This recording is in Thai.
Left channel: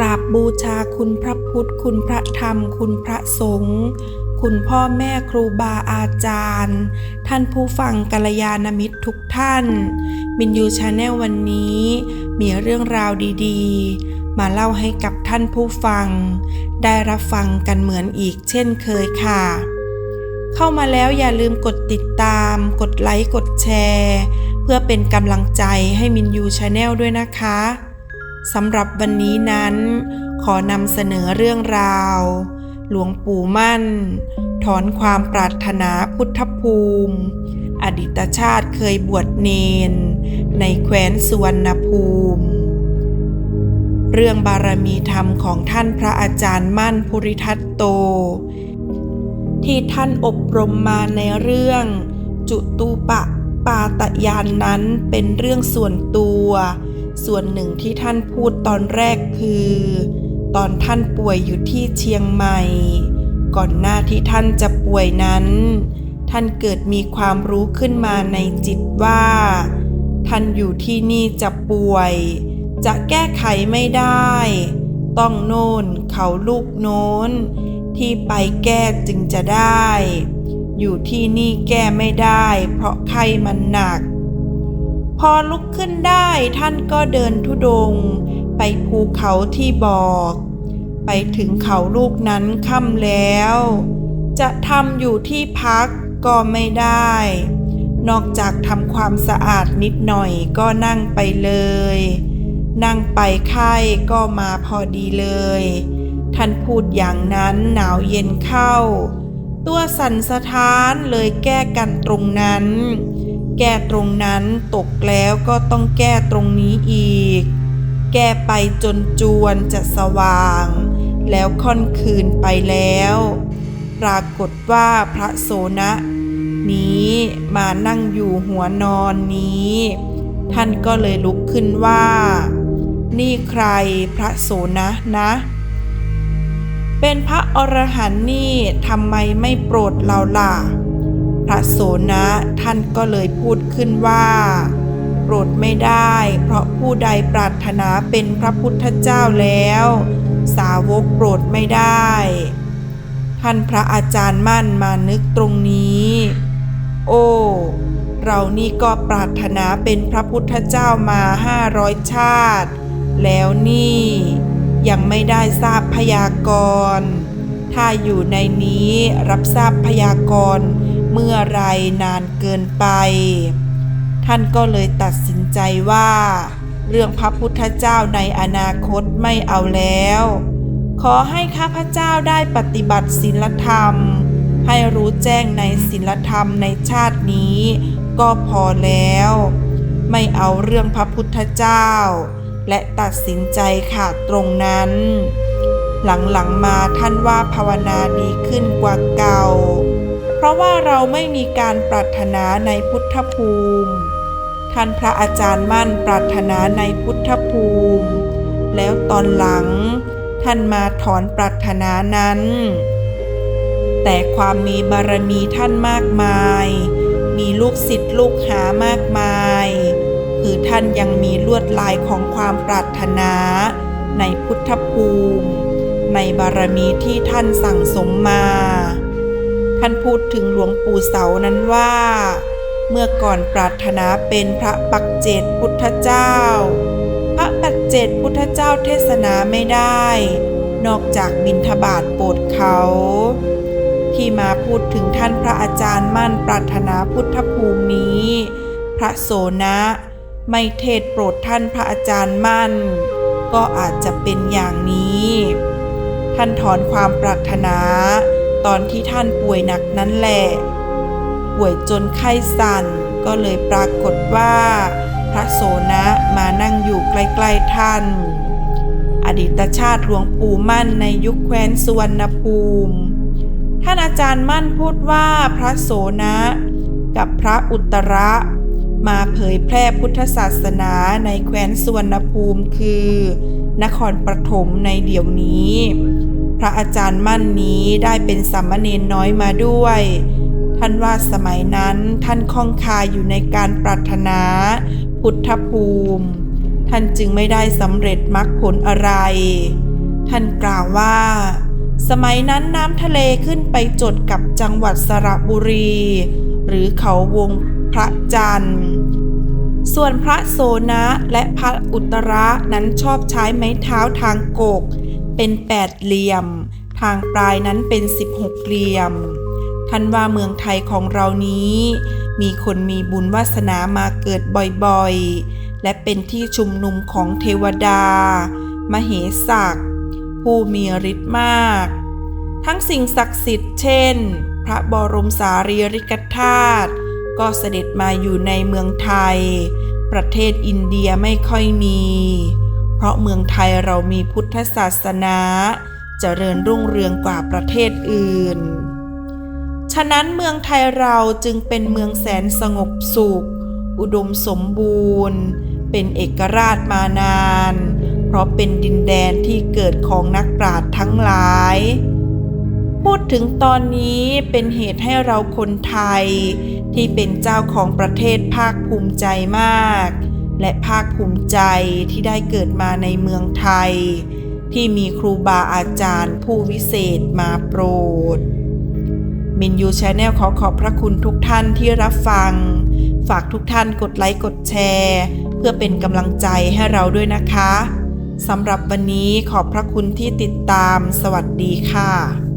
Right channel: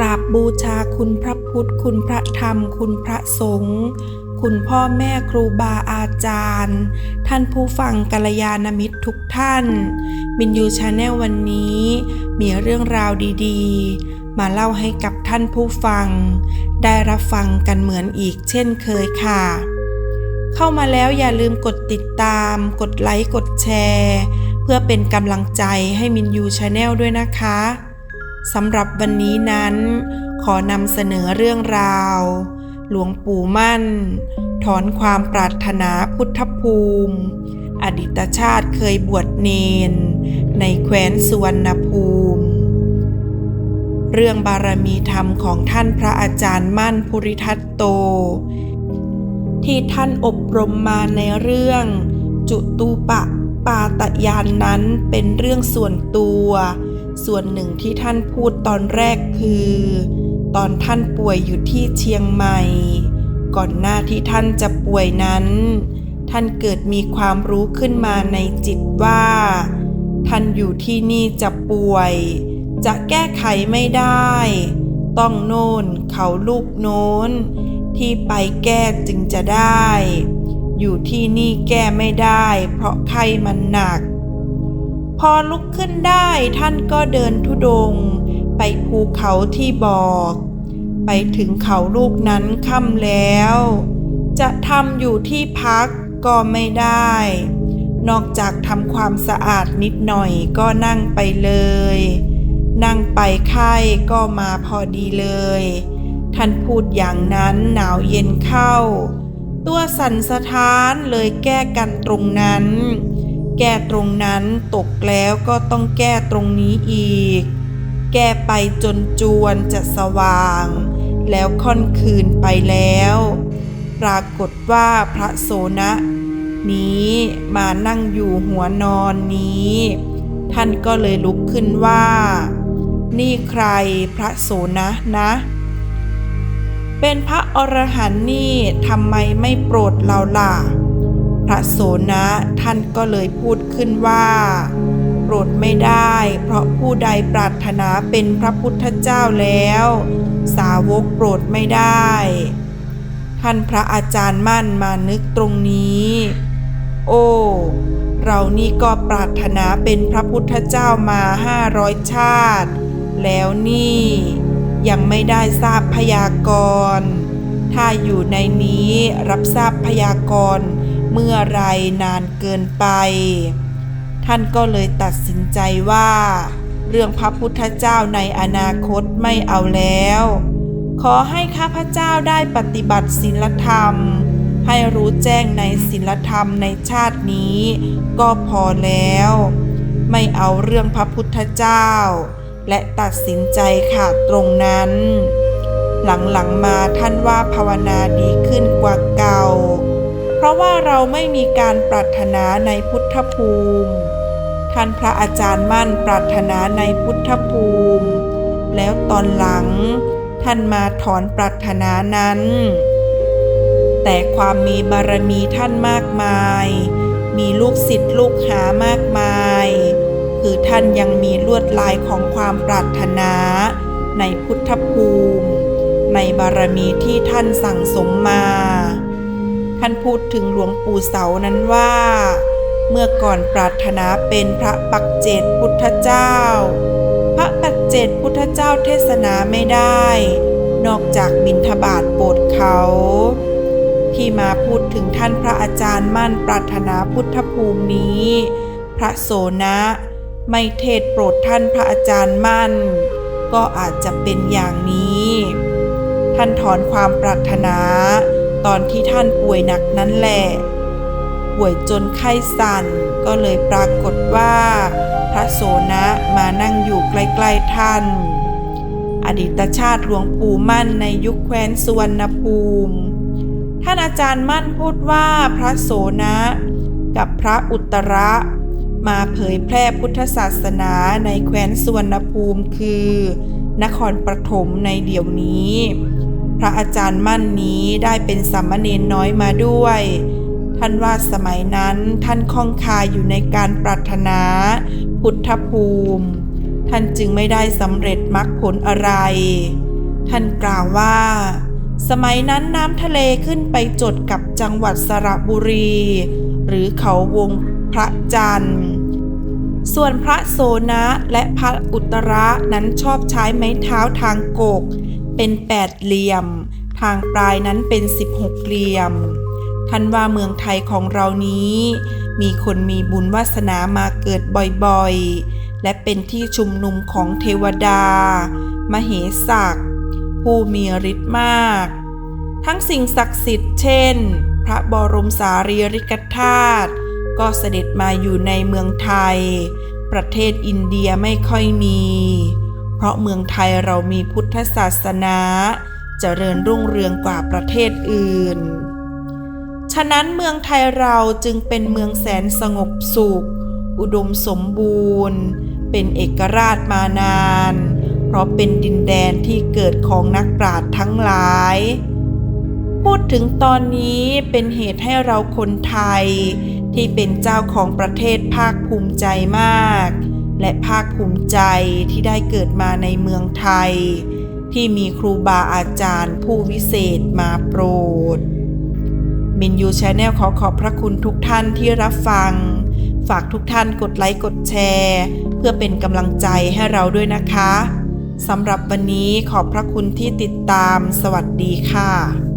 กราบบูชาคุณพระพุทธ คุณพระธรรม คุณพระสงฆ์คุณพ่อแม่ครูบาอาจารย์ ท่านผู้ฟังกัลยาณมิตรทุกท่านมินยูชาแนลวันนี้ มีเรื่องราวดีๆ มาเล่าให้กับท่านผู้ฟัง ได้รับฟังกันเหมือนอีกเช่นเคยค่ะ เข้ามาแล้วอย่าลืมกดติดตาม กดไลค์ กดแชร์ เพื่อเป็นกำลังใจให้มินยูชาแนลด้วยนะคะ สำหรับวันนี้นั้น ขอนำเสนอเรื่องราว หลวงปู่มั่น ถอนความปรารถนาพุทธภูมิ อดีตชาติเคยบวชเนน ในแคว้นสุวรรณภูมิ เรื่องบารมีธรรมของท่านพระอาจารย์มั่นภูริทัตโต ที่ท่านอบรมมาในเรื่อง จุตูปะปาตยานนั้นเป็นเรื่องส่วนตัว ส่วนหนึ่งที่ท่านพูดตอนแรกคือ ตอนท่านป่วยอยู่ที่เชียงใหม่ ก่อนหน้าที่ท่านจะป่วยนั้น ท่านเกิดมีความรู้ขึ้นมาในจิตว่า ท่านอยู่ที่นี่จะป่วย จะแก้ไขไม่ได้ ต้องโน่นเขาลูกโน้น ที่ไปแก้จึงจะได้ อยู่ที่นี่แก้ไม่ได้ เพราะไข้มันหนัก พอลุกขึ้นได้ท่านก็เดินทุดง ไปภูเขาที่บอก ไปถึงเขาลูกนั้นค่ำแล้ว จะทำอยู่ที่พักก็ไม่ได้ นอกจากทำความสะอาดนิดหน่อยก็นั่งไปเลย นั่งไปไข้ก็มาพอดีเลย ท่านพูดอย่างนั้นหนาวเย็นเข้า ตัวสั่นสะท้านเลยแก้กันตรงนั้น แก้ตรงนั้นตกแล้วก็ต้องแก้ตรงนี้อีก แก้ไปจนจวนจะสว่าง แล้วค่อนคืนไปแล้ว ปรากฏว่าพระโสนะ นี้มานั่งอยู่หัวนอนนี้ ท่านก็เลยลุกขึ้นว่า นี่ใครพระโสนะนะ เป็นพระอรหันต์นี่ทำไมไม่โปรดเราล่ะ พระโสนะท่านก็เลยพูดขึ้นว่าโปรดไม่ได้ เพราะผู้ใดปรารถนาเป็นพระพุทธเจ้าแล้ว สาวกโปรดไม่ได้ ท่านพระอาจารย์มั่นมานึกตรงนี้ โอ้เรานี่ก็ปรารถนาเป็นพระพุทธเจ้ามาห้าร้อยชาติ แล้วนี่ยังไม่ได้ทราบพยากรณ์ถ้าอยู่ในนี้รับทราบพยากรณ์ เมื่อไรนานเกินไป ท่านก็เลยตัดสินใจว่า เรื่องพระพุทธเจ้าในอนาคตไม่เอาแล้ว ขอให้ข้าพเจ้าได้ปฏิบัติศีลธรรม ให้รู้แจ้งในศีลธรรมในชาตินี้ ก็พอแล้ว ไม่เอาเรื่องพระพุทธเจ้า และตัดสินใจขาดตรงนั้น หลังๆมาท่านว่าภาวนาดีขึ้นกว่าเก่า เพราะว่าเราไม่มีการปรารถนาในพุทธภูมิ ท่านพระอาจารย์มั่นปรารถนาในพุทธภูมิ แล้วตอนหลัง ท่านมาถอนปรารถนานั้น แต่ความมีบารมีท่านมากมาย มีลูกศิษย์ลูกหามากมาย คือท่านยังมีลวดลายของความปรารถนาในพุทธภูมิ ในบารมีที่ท่านสั่งสมมา ท่านพูดถึงหลวงปู่เสานั้นว่า เมื่อก่อนปรารถนาเป็นพระปักเจตพุทธเจ้า พระปักเจตพุทธเจ้าเทศนาไม่ได้ นอกจากบิณฑบาตโปรดเขา ที่มาพูดถึงท่านพระอาจารย์มั่นปรารถนาพุทธภูมินี้ พระโสนะไม่เทศโปรดท่านพระอาจารย์มั่น ก็อาจจะเป็นอย่างนี้ ท่านถอนความปรารถนา ตอนที่ท่านป่วยหนักนั้นแหละป่วยจนไข้สั่นก็เลยปรากฏว่า พระโสนะมานั่งอยู่ใกล้ๆท่าน อดีตชาติหลวงปู่มั่นในยุคแคว้นสุวรรณภูมิ ท่านอาจารย์มั่นพูดว่าพระโสนะกับพระอุตระมาเผยแพร่พุทธศาสนาในแคว้นสุวรรณภูมิคือนครปฐมในเดี๋ยวนี้ พระอาจารย์มั่นนี้ได้เป็นสามเณรน้อยมาด้วย ท่านว่าสมัยนั้นท่านคล่องคาอยู่ในการปรารถนา พุทธภูมิ ท่านจึงไม่ได้สำเร็จมรรคผลอะไร ท่านกล่าวว่า สมัยนั้นน้ำทะเลขึ้นไปจดกับจังหวัดสระบุรี หรือเขาวงพระจันทร์ส่วนพระโสนะและพระอุตระนั้นชอบใช้ไม้เท้าทางโกก เป็นแปดเหลี่ยม ทางปลายนั้นเป็น 16 เหลี่ยม ท่านว่าเมืองไทยของเรานี้ มีคนมีบุญวาสนามาเกิดบ่อยๆ และเป็นที่ชุมนุมของเทวดา มเหสักผู้มีฤทธิ์มาก ทั้งสิ่งศักดิ์สิทธิ์เช่น พระบรมสารีริกธาตุก็เสด็จมาอยู่ในเมืองไทย ประเทศอินเดียไม่ค่อยมี เพราะเมืองไทยเรามีพุทธศาสนาเจริญรุ่งเรืองกว่าประเทศอื่น ฉะนั้นเมืองไทยเราจึงเป็นเมืองแสนสงบสุข อุดมสมบูรณ์ เป็นเอกราชมานาน เพราะเป็นดินแดนที่เกิดของนักปราชญ์ทั้งหลาย พูดถึงตอนนี้เป็นเหตุให้เราคนไทย ที่เป็นเจ้าของประเทศภาคภูมิใจมาก และภาคภูมิใจที่ได้เกิดมาในเมืองไทย ที่มีครูบาอาจารย์ผู้วิเศษมาโปรด มินยูชาแนลขอขอบพระคุณทุกท่านที่รับฟัง ฝากทุกท่านกดไลค์กดแชร์ เพื่อเป็นกำลังใจให้เราด้วยนะคะสำหรับวันนี้ขอบพระคุณที่ติดตาม สวัสดีค่ะ